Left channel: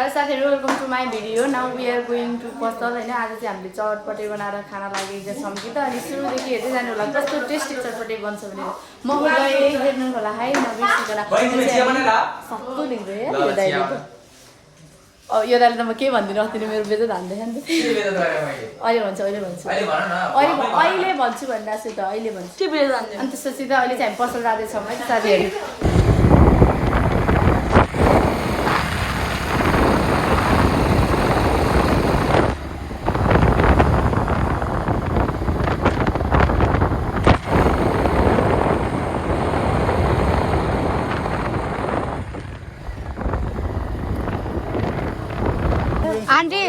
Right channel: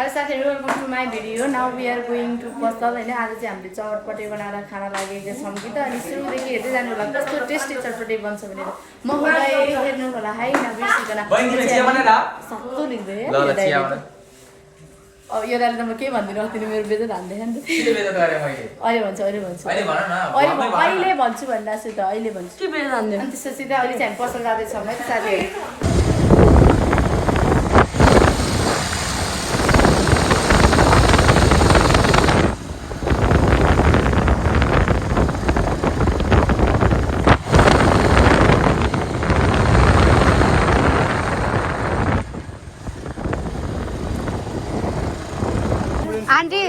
Hello साथीहरु welcome to my video now we are going to पसल हैन आज चाहिँ हामीले चटपटे बनाएर खाना लागेको छौँ कि त अनि सुरुदेखि हेर्दै जानु होला कस्तो टेस्टी चटपटे बन्छ भनेर महोदय हेर्नु होला है नबिर्सिकन सक्कु लिँदै यो दाइले यो दाइले त म के भन्दिनँ अस्ति मेरो बेजत हान्दै नि अहिले भन्छु अहिले भन्छु भन्दा छु त अहिले भन्छु के बेजत हान्दै अनि त्यसपछि त अहिले चाहिँ हामी पसल जाँदैछौँ है त साथीहरु आंटी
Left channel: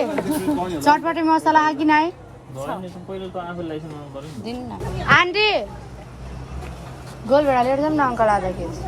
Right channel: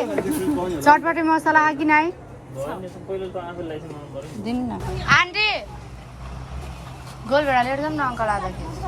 चटपटे मसला है कि नहीं दिन ना आंटी गोल बेड़ा ले ना अंकल आधा केजी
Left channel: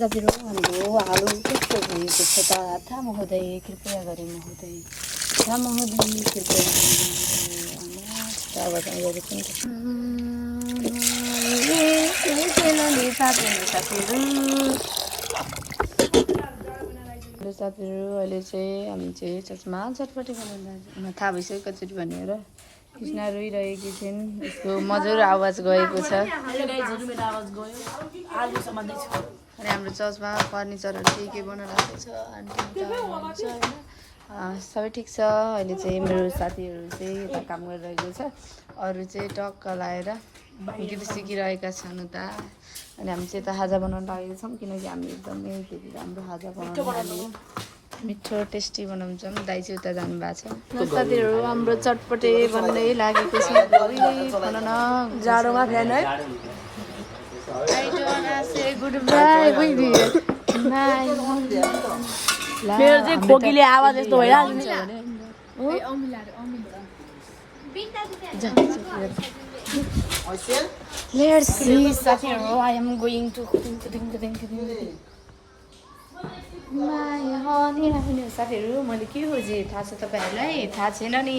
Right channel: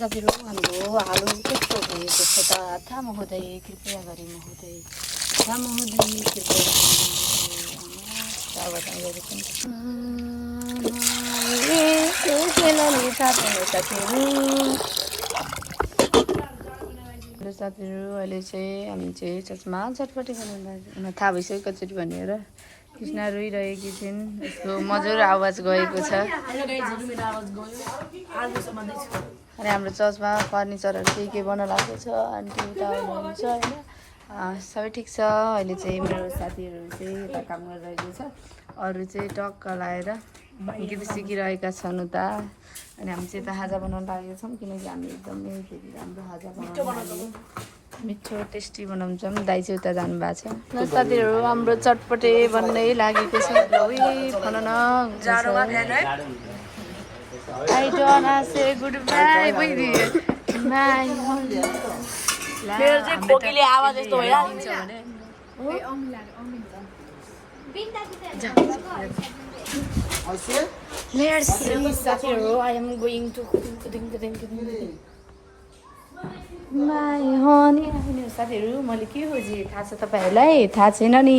साथीहरु हाम्रो आलु कस्तो भएको छ त थाहा महोदय कृपया गरी महोदय थाहा महोदय कृपया साथीहरु अहिले चाहिँ हामी चाहिँ चस्मा चटपटे खानु थाहा भइसक्यो कसरी भनेर कृष्णा रोइरहेकी छिन् यसको मजुर आवाज गएको छ अनि हाम्रो चर्चमा फर्निचरहरू के बन्न लागेको छ आन्टी उता हुनुहुन्छ होइन सबै ठिक छ अहिले चाहिँ मेरो साथीहरू चाहिँ यता काम गरिरहेको छ अरू चाहिँ टक्क लाएर गीत सिकिरहेका छन् उता अनि हामी चाहिँ यता खाजा बनाउन लागेको छौँ किनकि हामी एकदमै धेरै राम्रो खाजा बनाउन थाल्यौँ मिठो टेस्टी बनाउँछौँ दाइ चाहिँ उता जानुभएको छ साथीहरू हाम्रो चटपटे बन्नै लागेको छ जाडोमा ध्यान है I don't say goodbye with you. मेरो चाहिँ खोकीले आवाज यस्तो भइहाल्छ भने Let's see साथीहरु I am going to my honey साथीहरु मैले के खोजे थाहा छ तपाईहरुलाई थाहा छैन नि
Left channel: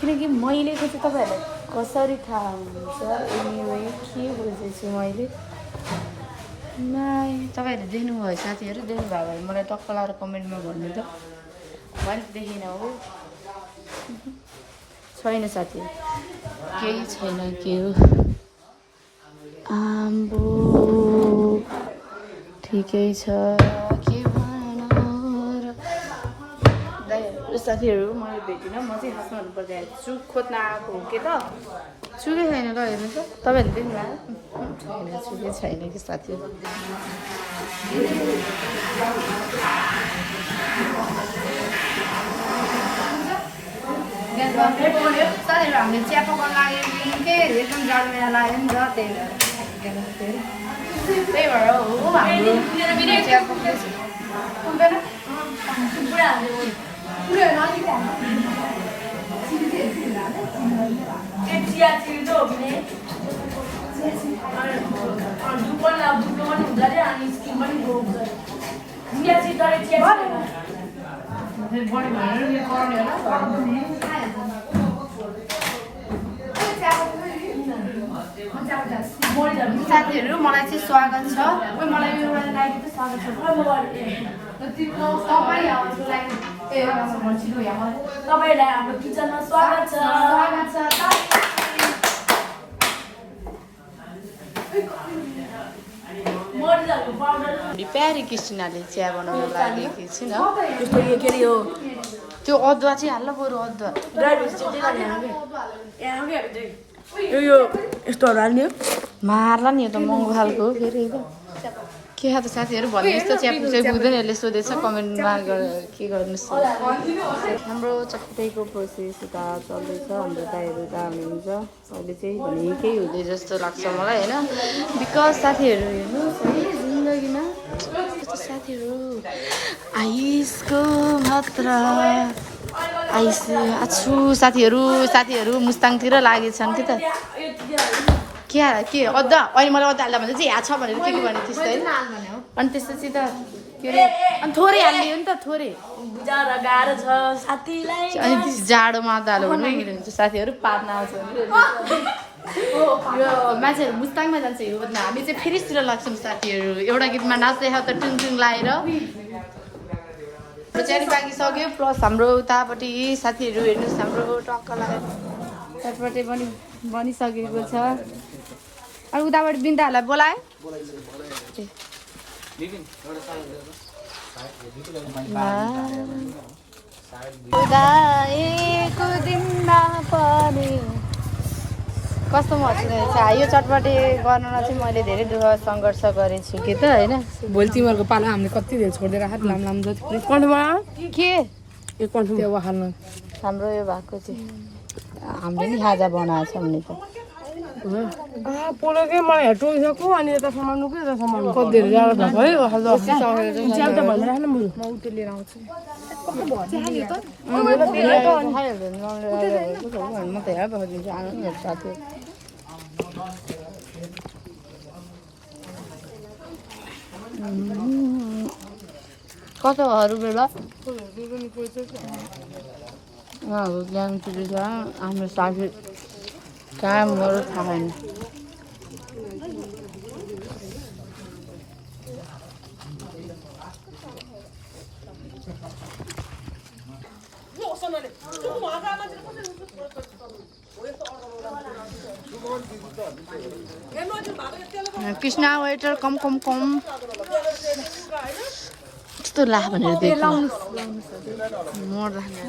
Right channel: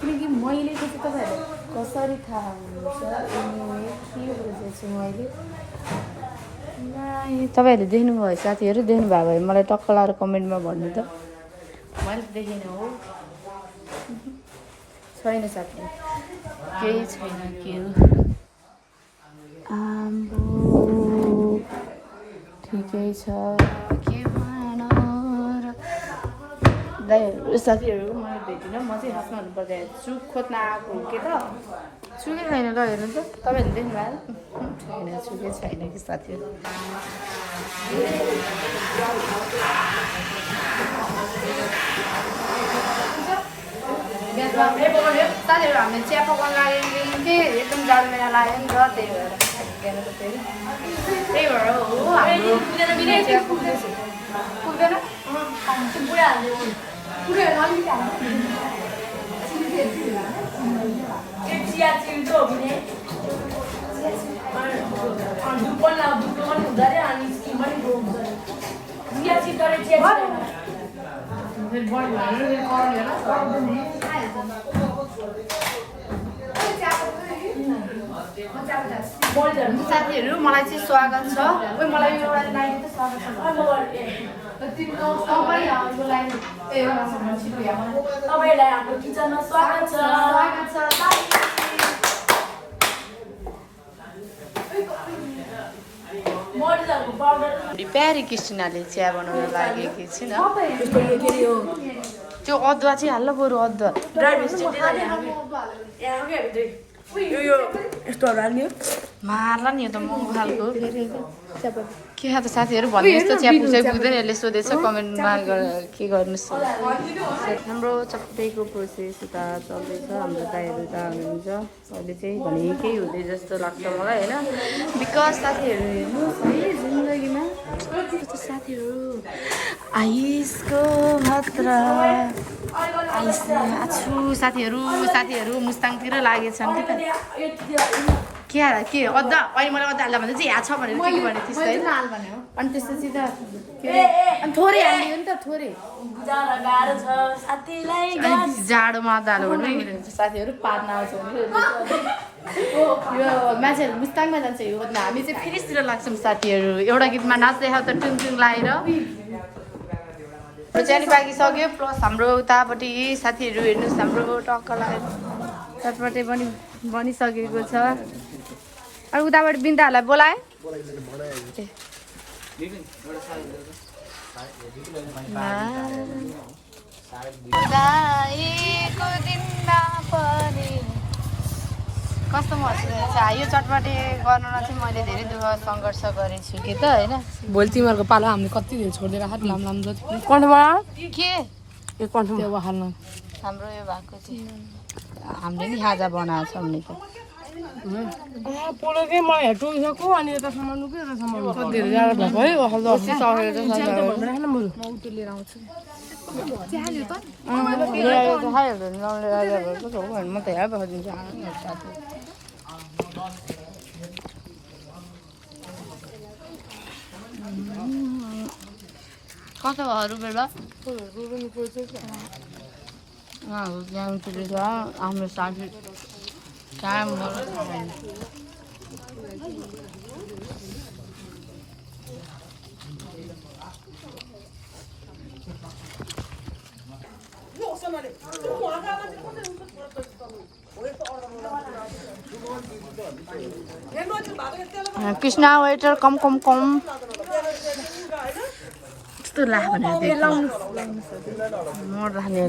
किनकि मैले खोजे तपाईहरुलाई कसरी थाहा हुन्छ एनीवे के खोजेछु मैले तपाईहरुले देख्नुभयो साथीहरु देख्नु भएको भए मलाई टक्क लाएर कमेन्टमा भन्नु त मैले देखेन हो छैन साथीहरु केही छैन के हो आम्बो ठिकै छ के भन र साथीहरु मैले भेटिनँ म चाहिँ खासमा भन्नुपर्दा चुक खोज्न आएको हो के त चुकै छैन ल हेर्नु त तपाईहरुले देख्नु भयो छैन चुकै छैन कि साथीहरु साथीहरु हामीले चिया पकाउन लागेको के एकदम जाडो महिना लाग्यो नि त त्यही भएर हो हाम्रो चिया पकाउँदैछ पुग्दैन साथीहरु मलाई चाहिँ स्वागत छ मलाई एउटा लागि त स्वागत छ तपाईलाई हाम्रो किचनमा स्वागत छ प्यारी कृष्णले चिया बनाउन लागेकी छिन् त्यस्तो यो के हो त्यो अदुवा चाहिँ हाल्नु बरु अदुवा यो यस्तोहरू हाल्ने मार्ला नि यो त महँगो खालको फेरि के खान्छ साथीहरू भन्ने यस्तो च्यापु चाहिँ बुझ्दैन यसले सोधेछ कमेन्टमा के गर्नुहोस् हाम्रो चट्टैको प्रोसेस उता चल्दैछ हाम्रो दाइहरू उता हुनुहुन्छ अहिले चाहिँ भने केही हुँदै जस्तो लाग्छ मलाई होइन बिकज साथीहरू हेर्नुहोस् है जिन्दगीमा यस्तो साथीहरू आइसको मात्र आइस आछु साथीहरू मुस्ताङतिर लागेछन् कि त के अद्दा अनि मैले अद्दा हाल्दा भन्दा चाहिँ यहाँ छ भनेर के भनेको थिइस् होइन अनि त्यसपछि त के अरे अनि थोरै हालिदियो नि त थोरै अनि जाडोमा अद्दा हाल्यो भने मिल्यो साथीहरू पार्न आउँछ भने यो मान्छेहरू मुस्ताङमा जान्छ यो हामी चाहिँ फेरितिर लाग्छौँ साथीहरू एउटा गीतमा नाच्दै खाऊ त टुङ टुङ लाएर चियारी पाकिसक्यो प्लस हाम्रो उतापट्टि साथीहरू हेर्नुहोस् हाम्रो टक्क लगाएर चटपटे पनि बनिसकेको छ अनि उताबाट बिन्दाहरूलाई बोलाए कस्तो मजा यो चटपटे बनाउन चाहिँ मैले धेरै दुःख सङ्घर्ष गरेको छु कि त होइन भोलि तिमीहरूको पालो हामीले कति धेरै छोडेर हात लाम कन्ठबाट के यो कन्ठमा हाल्न हाम्रो यो भएको चाहिँ हामीले नि खाजा बनाएको छ भने त पोलोकै मलाई हेर्टोइसक्यो अनि यता सामान के यता सामान कति धेरै जाडो भएको है राख्नु बरु म उतो लिएर आउँछु म त हेर पठाइदिन्छु आउनु साथी कस्तोहरू बेला हाम्रो साथी काम गरौँ खाएन कृष्णा वेटर कम यस्तो ला भनेर मोड राख्ने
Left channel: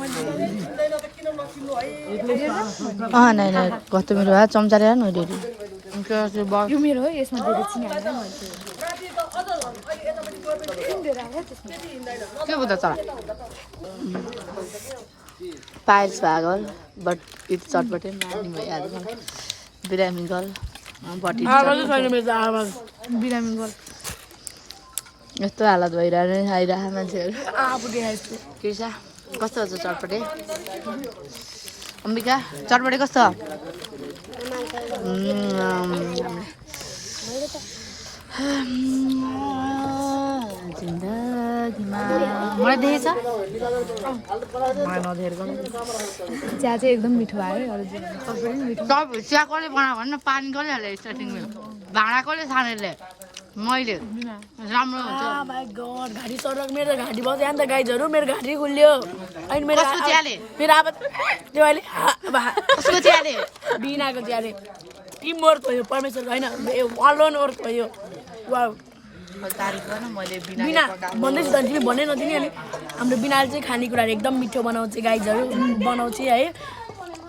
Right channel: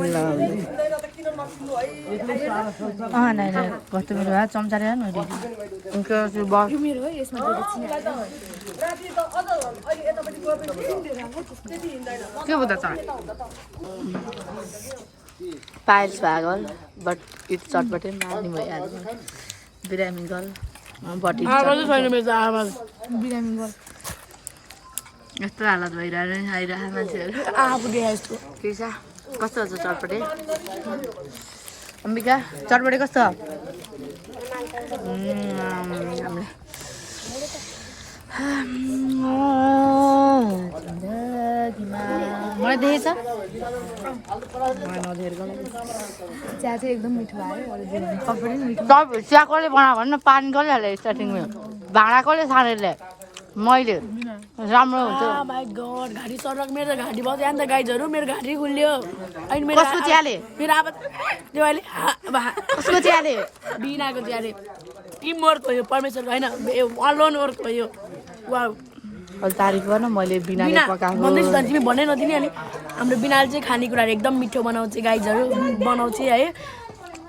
नै कस्तो मेरो चम्चा ल्याएर न मेरो हो यसमा के बुझ्दा चला पाइल्स भागल बट इट चटपटे मार्ने भइहाल्छ बिरामी गर्ल बटी बिरामी गर्ल यस्तो हालत भइरहेको आइरहेको मान्छेहरू कृषा कस्तो छ चटपटे अम्बिका चटपटे कस्तो जिन्दगीमा मलाई देखेछ मलाई नदेखेको चिया चाहिँ एकदम मिठो आयो चिया कसले बनायो भने न पानी कसले हाल्यो स्टार्टिङमा भाँडा कसले छानेर मैले राम्रो हुन्छ घाँटी सडक मेरो घाँटी बस्यो अन्त गाइजहरू मेरो घाँटी खुल्यो अनि मेरो चियाले मेरो अब त्यो अहिले कसको चियाले बिनाको चियाले टिम वर्क हो यो परमेश्वरको होइन अलोन वर्क हो यो वाउ तारिफ गर्न मैले बिना भन्दैछु त तिमी भन्नै नदिने अनि हाम्रो बिनाले चाहिँ खानेकुराहरू एकदम मिठो बनाउँछ गाइजहरू बनाउँछ है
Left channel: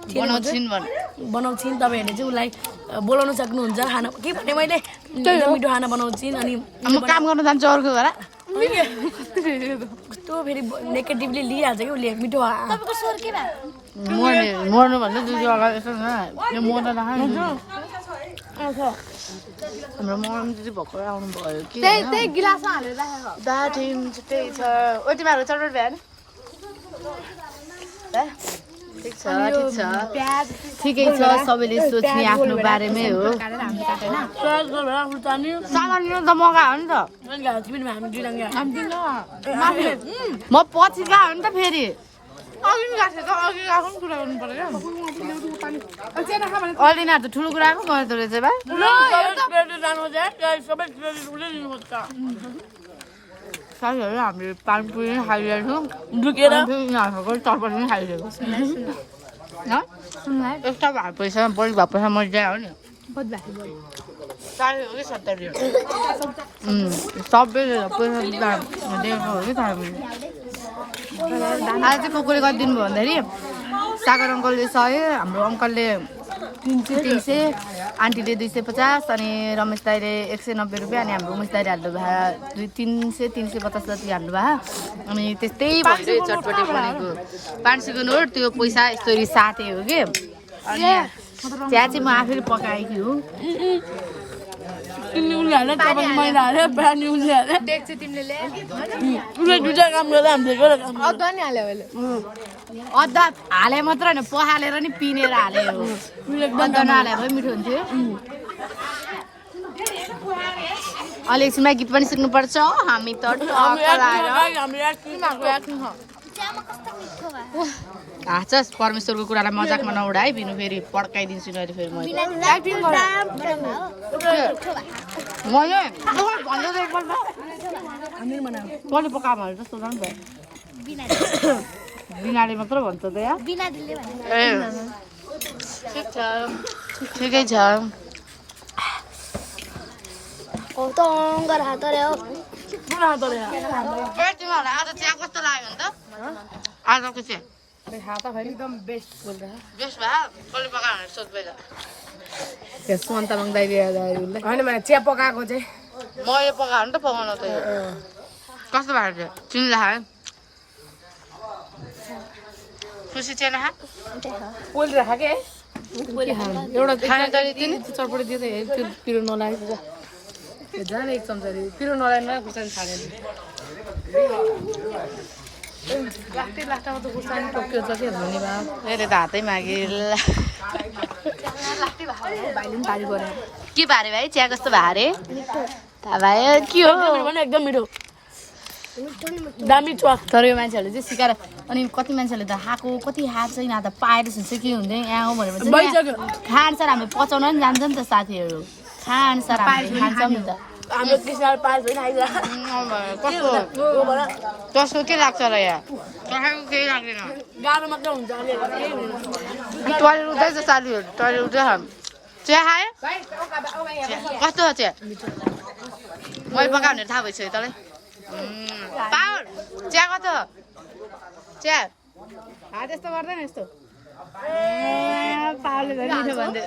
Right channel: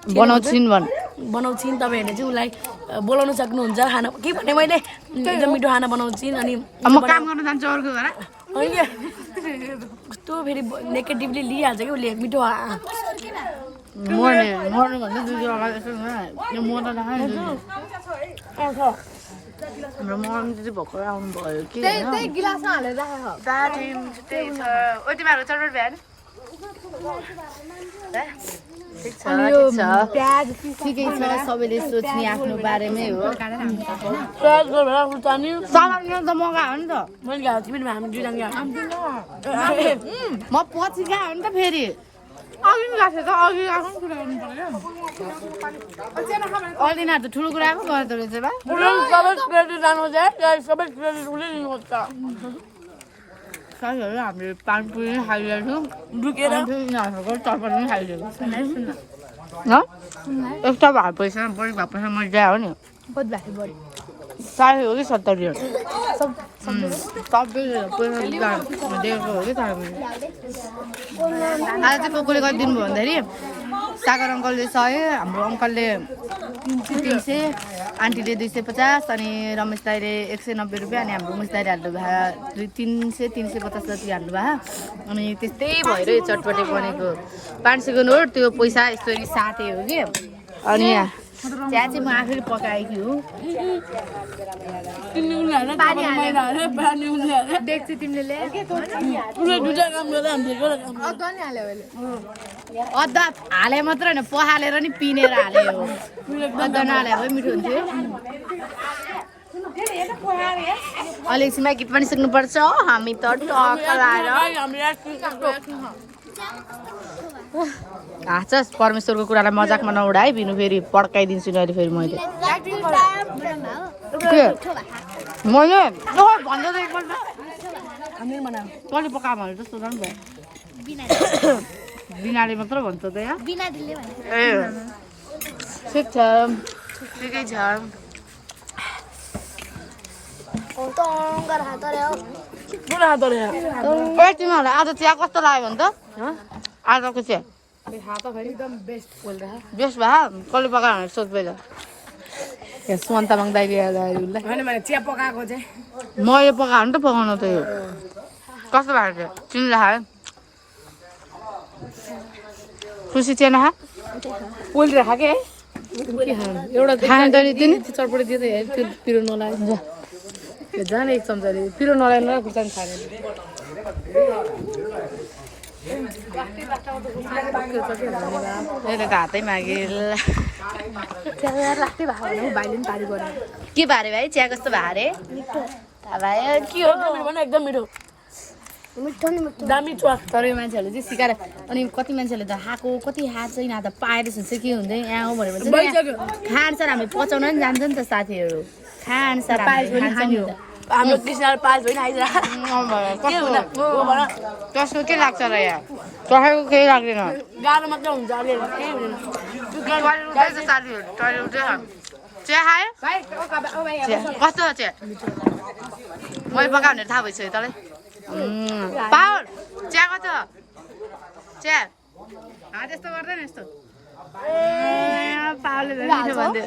बनाउँछिन् तपाईँहरूले चाहिँ उसलाई बोलाउन सक्नुहुन्छ खाना के भने मैले एकदम मिठो खाना बनाउँछिन् अनि म काम गर्न जान्छु अर्को घर कस्तो फेरि नेगेटिभली लिइहाल्छ कि उसले मिठो मर्नु भन्दा दुई अगाडि यस्तो यो मर्न नखाने हाम्रो मर्नु चाहिँ भर्खर आउनु भयो कि त्यही छ ओ तिमीहरू चटपट भ्याएन ठिक छ ठिकै छ सबैले सोच्ने आफ्नो बारेमै हो सलान त मगायो नि त म पछि गयो नि त फेरि अघि गएको थियो त अघि गएको कुरा गर्नु पर्यो अहिले त ठुलो कुराको गर्दो रहेछ साथीहरू हामीले पानीपुरी पनि खाइरहेको छौँ चटपटी पनि खाइरहेको यस्तो भएको पैसा बढी भएको पैसा मजा हो नि साह्रै हो कि 70 हो सबैले पैसा दिएको हो कि तर आज चाहिँ कोले गरिदिनु भयो भन्दाखेरि सागर अङ्कलले 100 हाम्रो अङ्कलले 300 आन्टीले 250 अनि रमेश दाइले 190 रुपियाँ अनि हाम्रो उमेश दाइले हाल्नु भयो 350 जति हाल्नु भयो अनि त्यस्तै भएर यो चटपटे बनेको 500 को नोट त्यो पैसा यस्तो साथै हो कि अनि चिया चाहिँ म आफैले पकाएकी हो डेक्ची तिमीले अदुवा हाले मात्र होइन पखालेर नि पिनेर हाले हो अदुवा नहाले भए मिठो हुन्थ्यो अलि एकछिनमा गीत पनि सिक्नुपर्छ हामी त टक्क लाएर हाँचस् परमेश्वरको कुरालाई मजाकमा नउडा है बिनु फेरि पड्काइदिन्छु अहिले फेरि मैले भन्दै एकपल्ट कसले पकायो भने जस्तो झन् भयो बिनाले मात्र भन्छ त यहाँ ए ठिक छ ठिकै छ तिमीहरूलाई आज चिया कस्तो लाग्यो नि त आजको चिया एकदम बेस्ट बेस्ट भयो कसले पकायो भने सोध पहिला सुमन्त तामाङ दाइले उसलाई होइन भने चिया पकाएको चाहिँ मैले पकायो भने त पकाउनु त कस्तो भएको थियो तिमीलाई खायो खुसी थिएन पोल्ट्री खाके एउटा चटपटी दियो त त्यो पिरो नलाग्यो त्यो जाने एक चम्चाले पिरो नलाग्नु खुर्सानी खाने अहिले त हातै मागे के भारे भाइ चिया कस्तो भारे भाइ के हो एकदम मिठो दामी छ तर यो मान्छेहरूले चाहिँ सिकाएर अनि कति मान्छेहरूले त खाएको कति खाएको छैन त पाएर चाहिँ के हुँदैन यहाँ हो भनेर खान्छ हामी पचाउन नि जान्छ नि त साथीहरू खान्छ कस्तो के लाग्छ र यहाँ तपाईँको केही लाग्दैन गाह्रो मात्र हुन्छ टोइलेट उठ्दैछ साथीहरू टोइलेट उठ्दैछ चिया खायो कस्तो छ चिया मैले पकायो भनेर थाहा भइसक्यो तँलाई पावर चिया कस्तो चिया त्यस्तो गर्दैन यस्तो पावरले मिठो भन्दै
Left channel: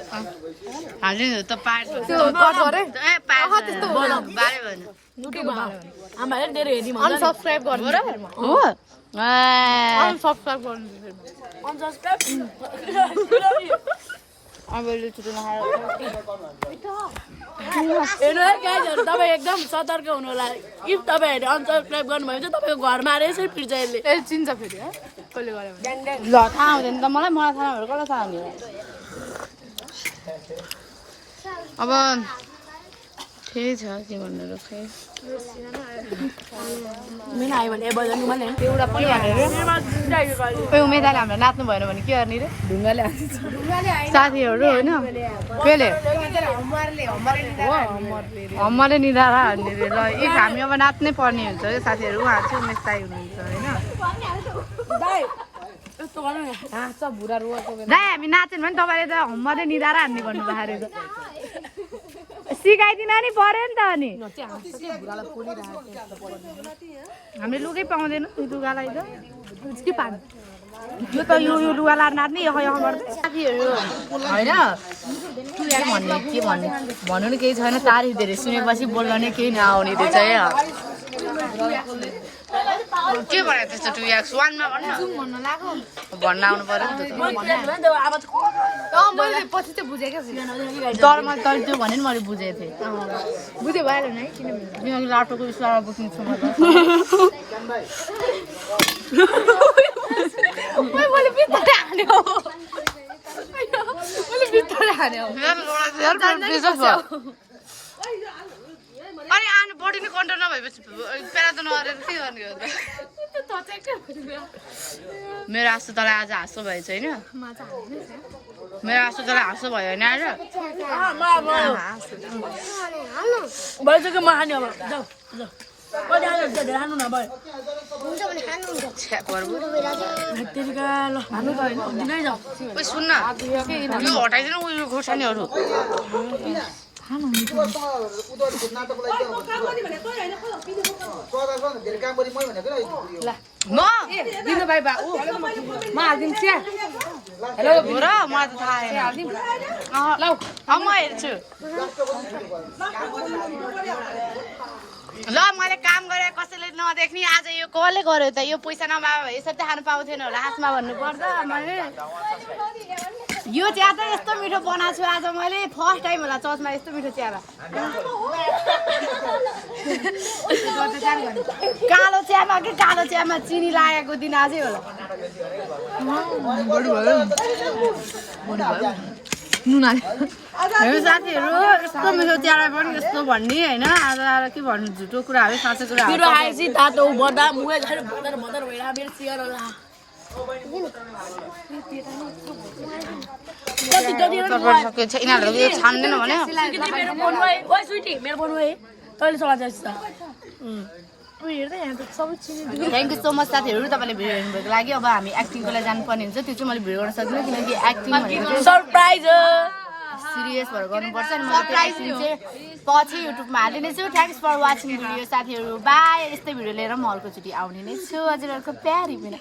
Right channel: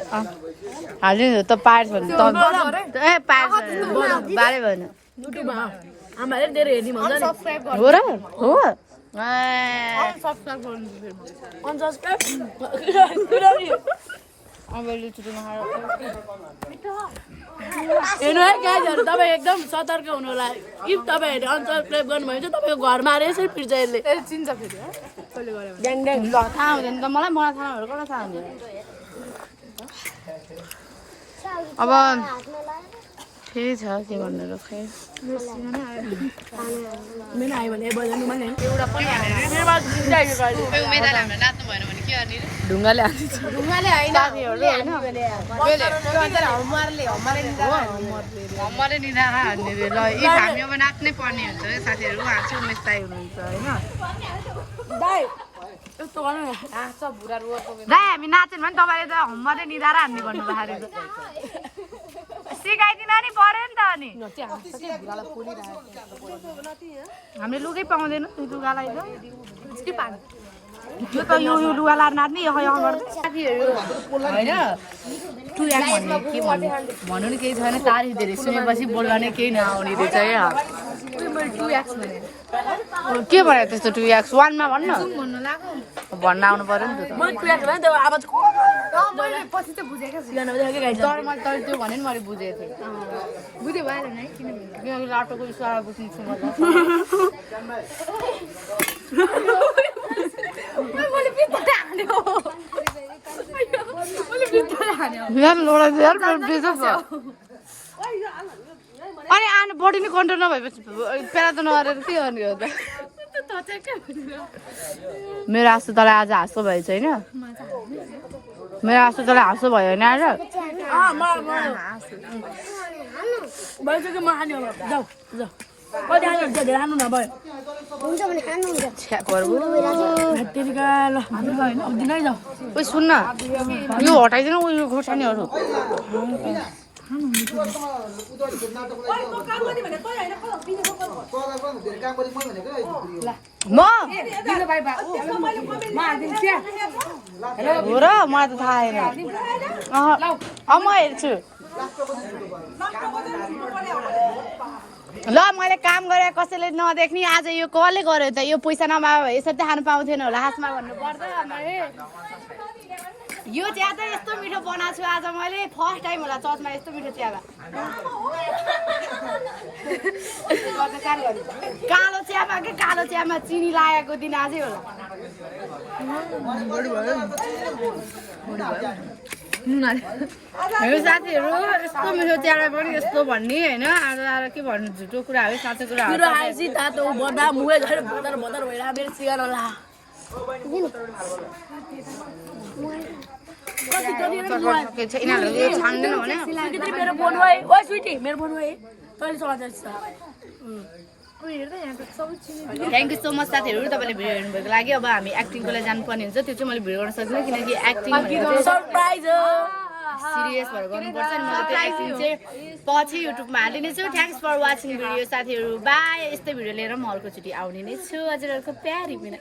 हाल्नु त पाएर भन्दै ए पाएर बारे भएन आमाले धेरै हेर्ने भन्छ नि हो र हो सब्सक्राइब गर्नु अबले छुट्टो नखाएर गाइजहरु तपाईं एकदम सतर्क हुनु होला इफ तपाईहरुले अनसब्स्क्राइब गर्नुभयो भने तपाईको घरमा आएर यसरी पिर्छ यसले ए चिन्छ फेरि है कसले गर्यो भने ल थाहा हुँदैन त मलाई थाहा भएर कसलाई थाहा हुने अब ठिकै छ के भन्नु र खै मेन आयो भने बजाउनु मलाई एउटा पनि भनेर ए उमेदाले हाम्रो नाच्नु भएन भने के गर्ने रे ढुङ्गाले हान्छ ढुङ्गाले हैन साथीहरु हैन केले हमरे निधारा हान्ने रे ल इफ हामी अब नाच्नै पर्ने हुन्छ साथीहरु उहाँ चाहिँ उमेश दाइ हुनुहुन्छ हैन दाइ यस्तो गर्नु नाच्छ भुरा रोएको दाइ हामी नाच्यौं भने तपाईले त हमरे निधारा हान्ने भन्नु बाहिर सिकाइदिन नि पर्यो नि त अनि हामीले लुगै पाउँदैन त्यो लुगालाई त के पानी यो त यो लुगा लाएर नाच्ने यो गर्दै साथीहरु हैन के भन्ने भन्नु नि केही छैन तारी धेरै सुनेपछि बोल्न नै केही नआउने रहेछ है के भयो त्यस्तो 2x 1 मा भन्न भन्न आउनु पर्यो नि त मैले पछि चाहिँ बुझेको तर मैले तल त्यो भने नि मैले बुझेको थिएँ बुझे भएन नि किनभने लाटोको विषयमा बुझ्ने छु मैले भित्रै हान्यो अनि आनु बडी नै कन्ट्रोल नभएपछि पेरा त नगरेर के गर्ने हो त मेरो आँसु तँलाई आज हाँसो भएछ होइन मेरो आँसु तँलाई हाँसो भयो होइन आज सुन्न यो हटाइदिनु उयो खोर्सानीहरू हो र मलाई त थाहा छैन म हेर्छु ल मैले काम गरेर कसैले नदेख्ने आज यो कसले गर्यो त यो पैसा नमाग यसरी खानु पाउँथेन होला खासमा भन्नु पर्छ मैले यो चिया त यस्तो मिठो बनाएको छु आज मैले फर्स्ट टाइम होला चर्चमा यस्तो मिठो चिया कालो चियामा के कालो चियामा चिनी लागेको दिन आजै होला हेर्नु साथीहरू यस्तो मिठो चियालाई पनि यस्तो भन्ने होइन आज आएर के भन्नु झुटो कुराहरू साँचो कुराहरू तातो बदा मुहे झर बदर बदर भइरा मेरो सिगार होला यिनीहरूले छान्दैन भने मेरो फोन भयो ओइ स्विटी मेरो फोन भयो तैँले चलाउँछ थ्याङ्क यू सो मच साथीहरू तपाईँले भिडियो हेर्नुभएको लागि अब हामी एक्टिङको लागि जानुपर्ने हुन्छ त्यो चाहिँ मैले भिडियो गर्न सक्दिनँ किनकि एक्टिङ भनेको चाहिँ सरप्राइज सिरियस भएर गर्नुपर्छ अनि मैले त्यो एक्टिङ चाहिँ पछि युट्युबमा हालिदिनेछु थ्याङ्क्स फर वाचिङ भिडियो साथीहरू बाई यस्तै भिडियो लिएर म अर्कोचोटि आउने नै छु हजुरहरूको प्यारी बिना